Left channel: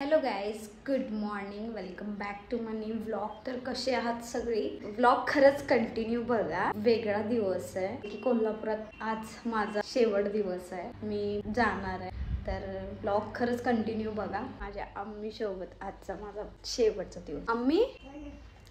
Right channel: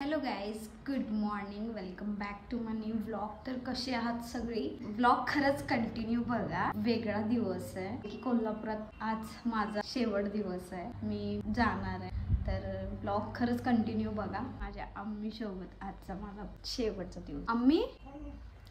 Hello guys, good morning. Welcome back to my new vlog. तर कसे आहात सगळी? व्लॉग खरंच कंटिन्यू बघा. वेगळा दिवस आहे. कोल्हापुरात आज माझा शेवट दिवस आहे. मी जाणार आहे, तर व्लॉग खरंच कंटिन्यू बघा. माझ्या अम्मी सोबत आजचा माझा शेवटचा दिवस. अम्मी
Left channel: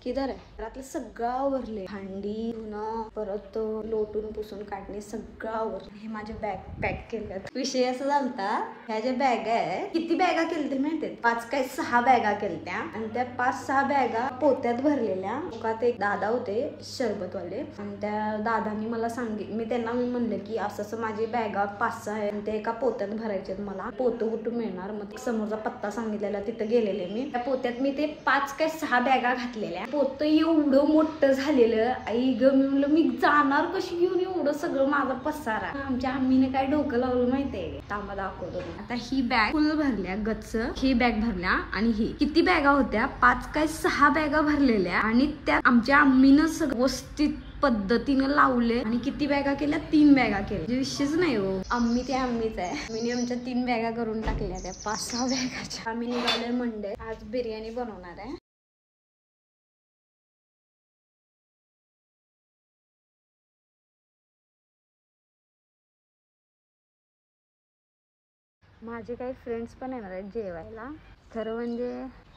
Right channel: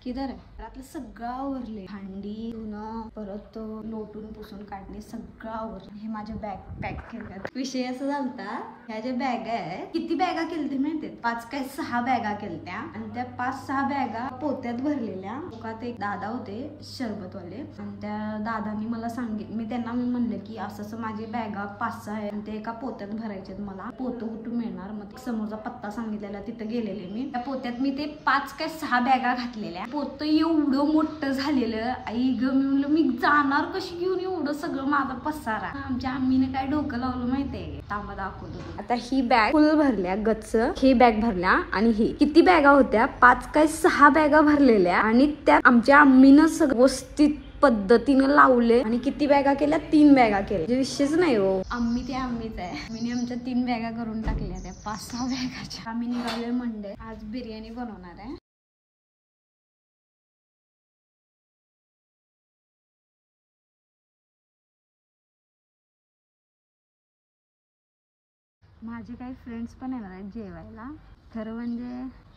किधर आहे? रात्री सगळं आवरले, भांडी धुणं, परत लोटून पुसून काढणे, सगळं आवरले. हे माझे बॅग पॅक केले. विषय असं झालता, ह्या ज्या बॅगा आहे, किती बॅगा केलते माहितीये? 5 काय 6 बॅगा केलत्या आणि त्या 5-6 बॅगा पोत्यात भरलेल्या. ते एक दादा होते सरबतवाले, आणि त्या दादांनी मला मी त्यांना म्हणलं की असं माझी बॅगा 5-6 आहे आणि ते एका पोत्यात भरायचे. मला पोतं कुठून मिळणार? मग समोरचा पत्ता सांगितलेला, तिथं गेलेले मी. त्या पोत्यात मी ते 5 काय 6 बॅगा घातलेल्या. पोतं एवढं मोठं झालेलं, आई ग, मी म्हणलं मी जाणार कशी घेऊन एवढं सगळं माझा पसारा. आमच्या आम्मीने काय डोकं लावलं माहितीये? तांबा दाखवतो. आता ही बॅग फुल भरल्या, गच्च ही बॅग भरल्या. आणि ही किती बॅगा होत्या? 5 काय 6 बॅगा भरलेल्या. आणि त्या आमच्या आम्मीनं सगळं व्यवस्थित पद्धतीने लावले. आणि किती बॅगा केल्या? 3 बॅगा केल्या. विषयच नाही हो, आम्ही ते आम्हीच आहे. मी आमच्या 3 बॅगा करून टाकल्या त्या 5-6 बॅगाच्या. आम्ही निघालोय मंडे. आज बिर्याणी बनवणार आहे. माझे काही फ्रेंड्स पण येणार आहेत जेवायला. खरं म्हणजे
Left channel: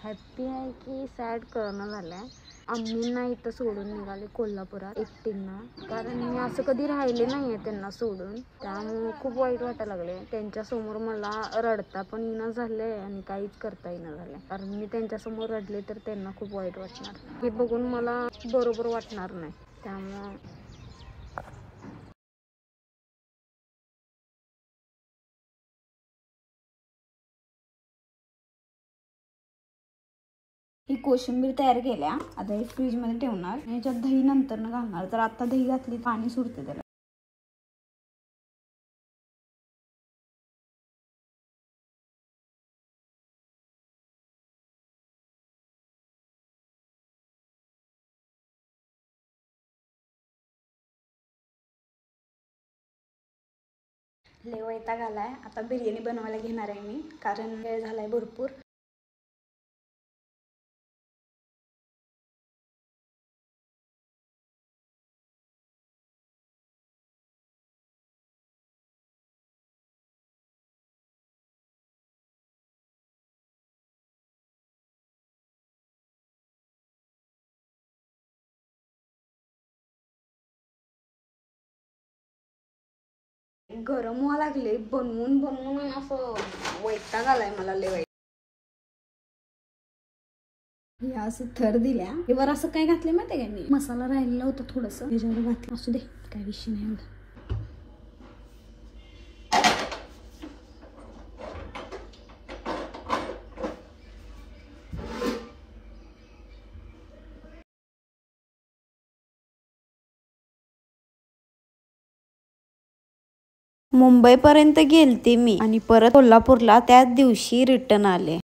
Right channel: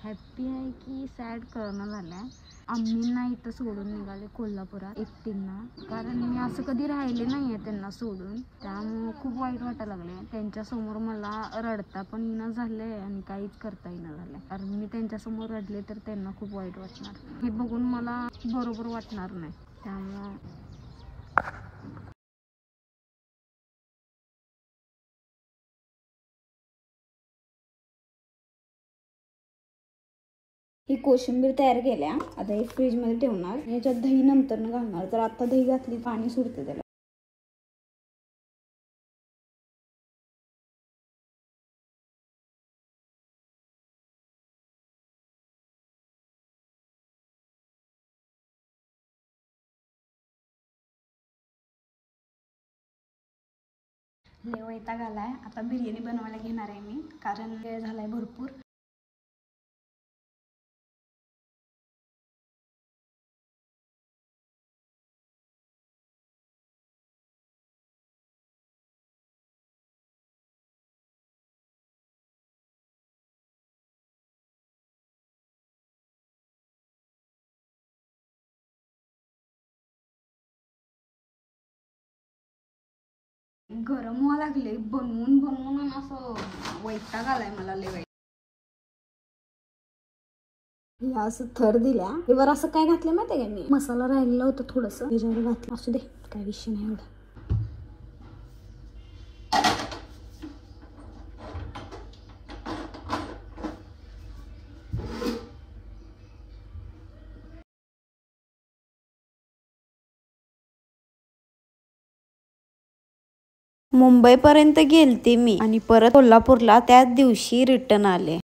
हॅप्पी आहे की सॅड करणं झालंय. आम्हींना इथं सोडून निघाले कोल्हापुरात एकटींना, कारण मी असं कधी राहिले नाहीये त्यांना सोडून. त्यामुळे खूप वाईट वाटायला लागले. त्यांच्यासमोर मला रडता पण येणं झालंय आणि काहीच करता येणं झालंय, कारण मी त्यांच्यासमोर रडले तर त्यांना खूप वाईट वाटणार. हे बघून मला बरोबर वाटणार नाही. त्यामुळं ही कोशिंबीर तयार केल्या. आता हे फ्रीज मध्ये ठेवणार. याच्यात दही नंतर घालणार. तर आता दही घातली पाणी सुटते त्याला. लय वैताग आलाय. आता बिर्याणी बनवायला घेणार आहे मी, कारण वेळ झालाय भरपूर. गरम व्हायला लागले. बनवून बनवून असं वैताग आलाय मला लय. हे असं थर दिल्या. हे वर असं काय घातलं माहितीये का? मी मसाला राहिलेला होता थोडस, त्याच्यावर घातलं. असू दे, काय विषय नाही एवढा. मुंबईपर्यंत गेलते मी आणि परत कोल्हापूरला त्याच दिवशी रिटर्न आले.